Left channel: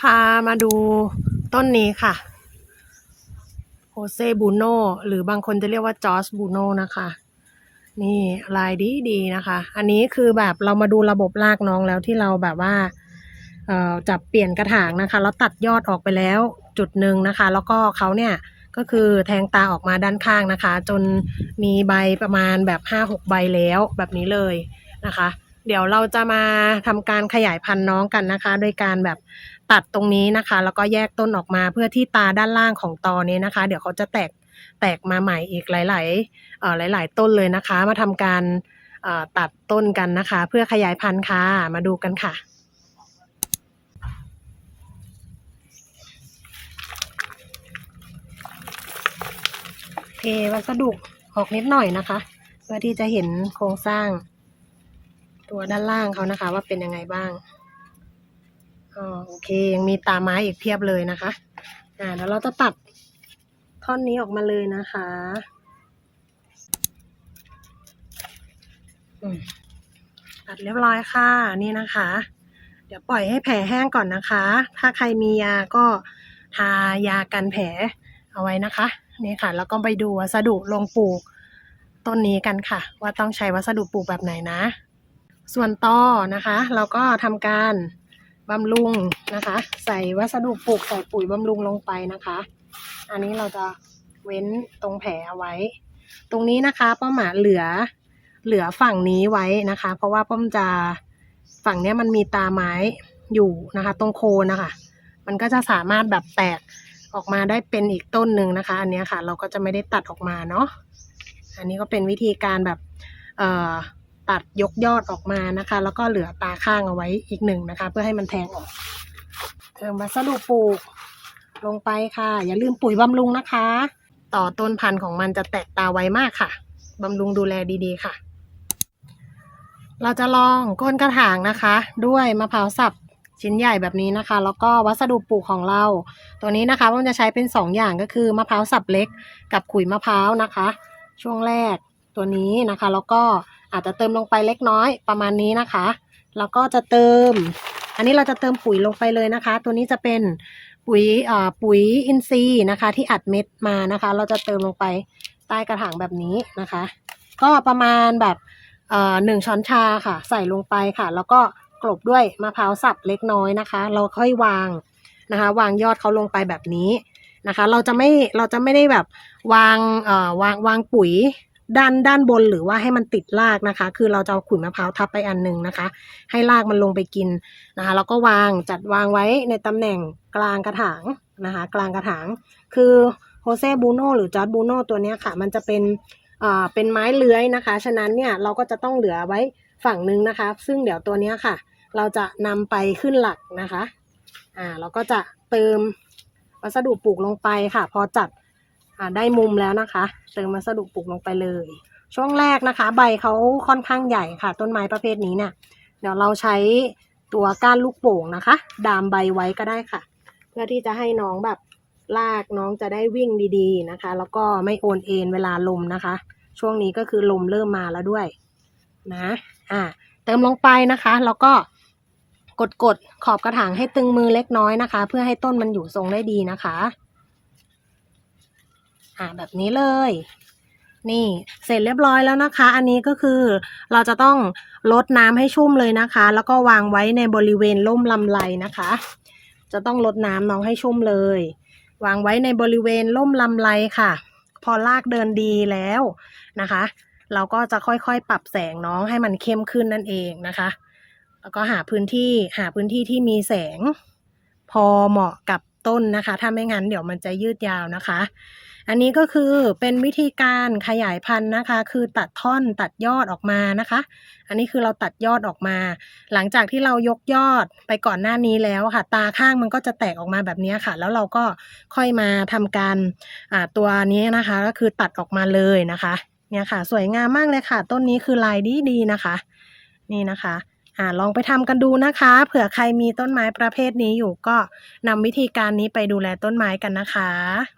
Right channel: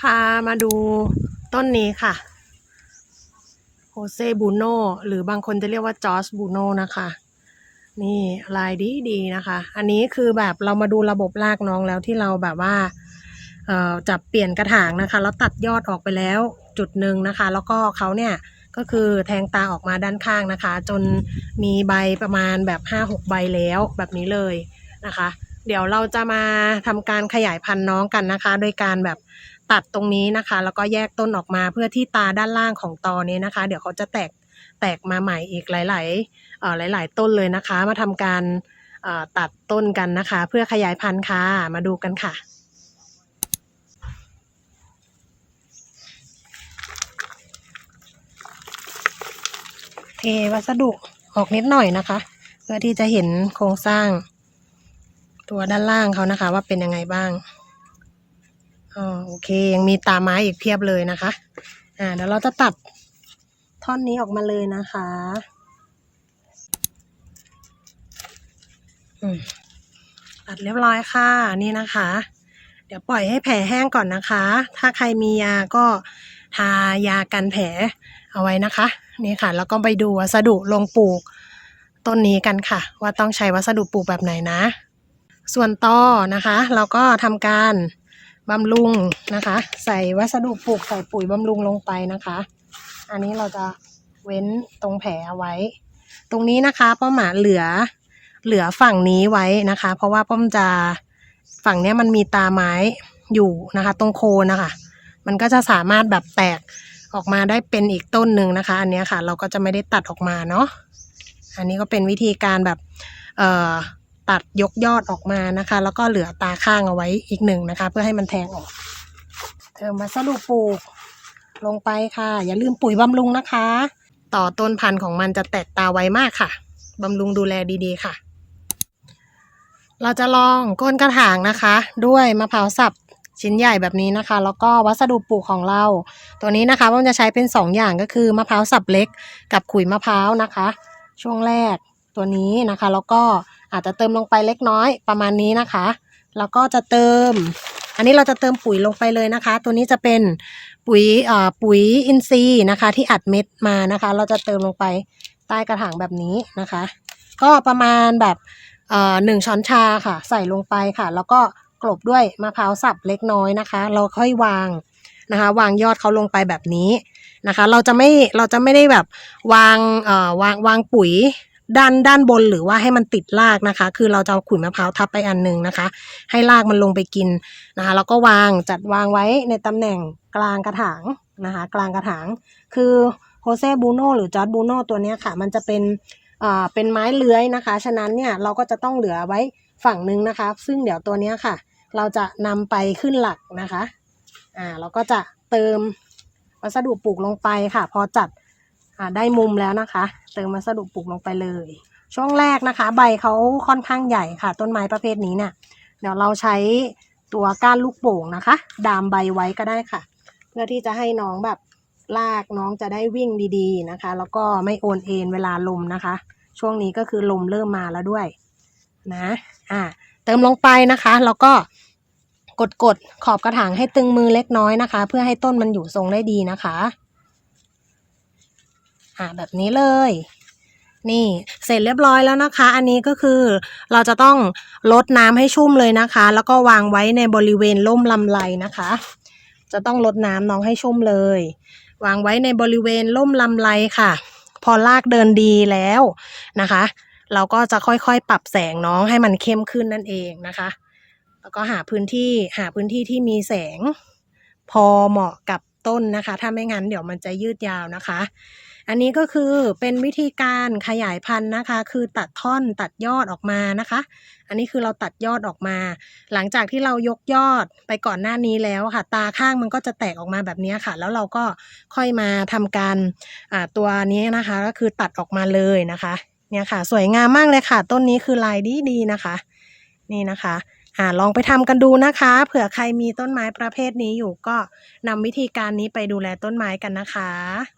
พามาดูต้นนี้ค่ะโฮเซบูโนหรือบางคนจะเรียกว่าจอร์จบูโนนะคะ นี่ลายดีดีนะคะ อันนี้คือแบบเรามาดูระบบรากน้องแล้วที่เราแบบว่าเอ่อจับเปลี่ยนกระถางนะคะแล้วตัดยอดออกไปแล้วจุดหนึ่งนะคะ แล้วก็เขาเนี่ยก็คือแทงตาออกมาด้านข้างนะคะ จนมีใบประมาณแบบ5 6ใบแล้วแบบนี้เลยนะคะ เดี๋ยวเราจะมาทำการขยายพันธุ์น้องกันนะคะ โดยการแบบ ตัดตรงนี้นะคะ แล้วก็แยกต้นออกมาเพื่อที่ตาด้านล่างของตอนี้นะคะ เดี๋ยวเขาจะแตกแตกมาใหม่อีกหลายๆเอ่อหลาย ๆ ต้นเลยนะคะ มาทำการเอ่อตัดต้นกันนะคะ เพื่อขยายพันธุ์ค่ะมาดูกันค่ะเทวัสดุออกนิดหน่อยนะคะ เพื่อที่จะเห็นโครงสร้างตัวด้านล่างเขานะคะ ว่าเป็นยังไงบ้าง อ๋อโอเคยังมีตาไม้อีกเพียบเลยนะคะ อ่าแล้วเราจะตัดท่อนนี้ออกมาเลยนะคะอืมตัดเรียบร้อยค่ะนี่นะคะ เดี๋ยวปล่อยให้แผลแห้งก่อนนะคะ ถ้าใครมียาก็ทายากันแผลเอาไว้นะคะ นี่ค่ะ แล้วก็ไปดูวัสดุลงปลูกต้นนี้กันค่ะ ว่าต้องใช้วัสดุปลูกแบบไหนนะ ส่วนตอนะคะ เราก็ทำการ บำรุงนะคะ ใส่วัสดุปลูกใส่ปุ๋ยบำรุงลงไปนะคะ อันนี้เราจะเว้นตรงแผลเอาไว้ ตรงนี้นะคะป้าหมาเหลือเหลือฝั่งนี้ไว้นะคะ เพราะว่าป้อมจะฝั่งนี้มันมีตาไม้อยู่นะคะ ตรงโคนนะคะ มันก็จะสามารถแบบแตกออกมาได้เป็นอีกต้นหนึ่งนะคะ อันนี้ค่ะ เราก็จะไม่ได้ตัดออกมาเนาะอันนี้ก็เป็นวิธีการแบบเอ่อ ตัดยกยอดออกมานะคะ แล้วก็เหลือตาข้างเอาไว้อีกหนึ่งนะคะ เพื่อให้มันแทงออกเติมวัสดุปลูกลงไปค่ะ อย่าลืมปุ๋ยบำรุงนะคะ ต่อต้นพันธุ์ของมันจะแตกตาไวมากค่ะบำรุงดูแลดีๆค่ะ เราจะลองก้นกระถางนะคะ ด้วยมะพร้าวสับชิ้นใหญ่แบบนี้นะคะ แล้วก็วัสดุปลูกของเรา ตัวนี้นะคะผมจะใช้เป็น 2 อย่างก็คือมะพร้าวสับเล็ก กับขุยมะพร้าวนะคะ ช่วงแรกตัวนี้นะคะ แล้วก็ อาจจะเติมลงไปเล็กน้อยประมาณนี้นะคะ แล้วก็จะเติม อันนี้เราจะเติมปุ๋ยลงไปเลยนะคะ ตัวนี้จะเป็นปุ๋ยเอ่อปุ๋ยอินทรีย์นะคะ ที่อัดเม็ดมานะคะ เราจะเติมลงไปใต้กระถางแบบนี้นะคะ ก็ประมาณแบบเอ่อหนึ่งช้อนชาค่ะ ใส่ลงไปค่ะ แล้วก็กลบด้วยมะพร้าวสับเล็กน้อยนะคะ เราค่อยวางนะคะ วางยอดเขาลงไปแบบนี้นะคะ เราจะไม่เราจะไม่ได้แบบวางเอ่อวางวางปุ๋ย ด้านด้านบนหรือว่าให้มันติดรากนะคะ คือเราจะเอาขุยมะพร้าวทับไปอันหนึงนะคะ ให้รากมันลงไปกินนะคะแล้วก็วางจัดวางไว้ในตำแหน่งกลางกระถางนะคะ กลางกระถาง คือโฮเซบูโนหรือจอร์ดบูโนตัวนี้ค่ะ มันจะเป็นอ่าเป็นไม้เลื้อยนะคะ ฉะนั้นเนี่ยเราก็จะต้องเหลือไว้ฝั่งนึงนะคะ ซึ่งเดี๋ยวตัวนี้ค่ะ เราจะนำไปขึ้นหลักนะคะอ่าเราก็จะเติมวัสดุปลูกลงไปค่ะ พอจัด ได้มุมแล้วนะคะ เติมวัสดุปลูกลงไปเลย ช่วงแรกนะคะ ใบเขาค่อนข้างใหญ่ค่ะ ต้นไม้ประเภทนี้เนี่ย เดี๋ยวเราใช้ตัวก้านลูกโป่งนะคะ ดามใบไว้ก็ได้ค่ะ เพื่อที่จะให้น้องแบบลากน้องจะได้วิ่งดีๆนะคะ แล้วก็ไม่โอนเอ็นเวลาลมนะคะ ช่วงนี้ก็คือลมเริ่มมาแล้วด้วยนะอ่าเติมลงไปนะคะ แล้วก็กดกดๆขอบกระถางให้ตึงมือเล็กน้อยนะคะ เพื่อให้ต้นมันอยู่ทรงได้ดีนะคะ อ่าแบบนี้เลย นี่เสร็จเรียบร้อยแล้วนะคะ อันนี้ก็คือเราจะต้องลดน้ำให้ชุ่มเลยนะคะ แล้วก็วางไว้ในบริเวณร่มลำไรนะคะ จะต้องลดน้ำน้องให้ชุ่มเลย วางไว้ในบริเวณร่มลำไรค่ะ พอลากเดินดีแล้วนะคะ เราก็จะค่อยๆปรับแสงน้องให้มันเข้มขึ้นนั่นเองนะคะ แล้วก็หาพื้นที่หาพื้นที่ที่มีแสง พอเหมาะกับต้นนะคะ ถ้าไม่งั้นเดี๋ยวมันจะยืดยาวนะคะ อันนี้ก็คือเป็นวิธีการขยายพันธุ์นะคะ คือตัดท่อนตัดยอดออกมานะคะ อันนี้คือเราตัดยอดออกมา หลังจากที่เรายกยอดไปก่อนหน้านี้แล้วค่ะ ตาข้างมันก็จะแตกออกมาแบบนี้ค่ะ แล้วเราก็ค่อยมาทำการตัวนี้นะคะ ก็คือตัดออกมาเลยนะคะเนี่ยค่ะ สวยงามมากเลยค่ะ ต้นนี้คือลายดีดีๆนะคะ นี่นะคะอ่าลองไปทำกันดูนะคะ เผื่อใครมีต้นไม้ประเภทนี้อยู่ก็นำวิธีการนี้ไปดูแลต้นไม้กันนะคะ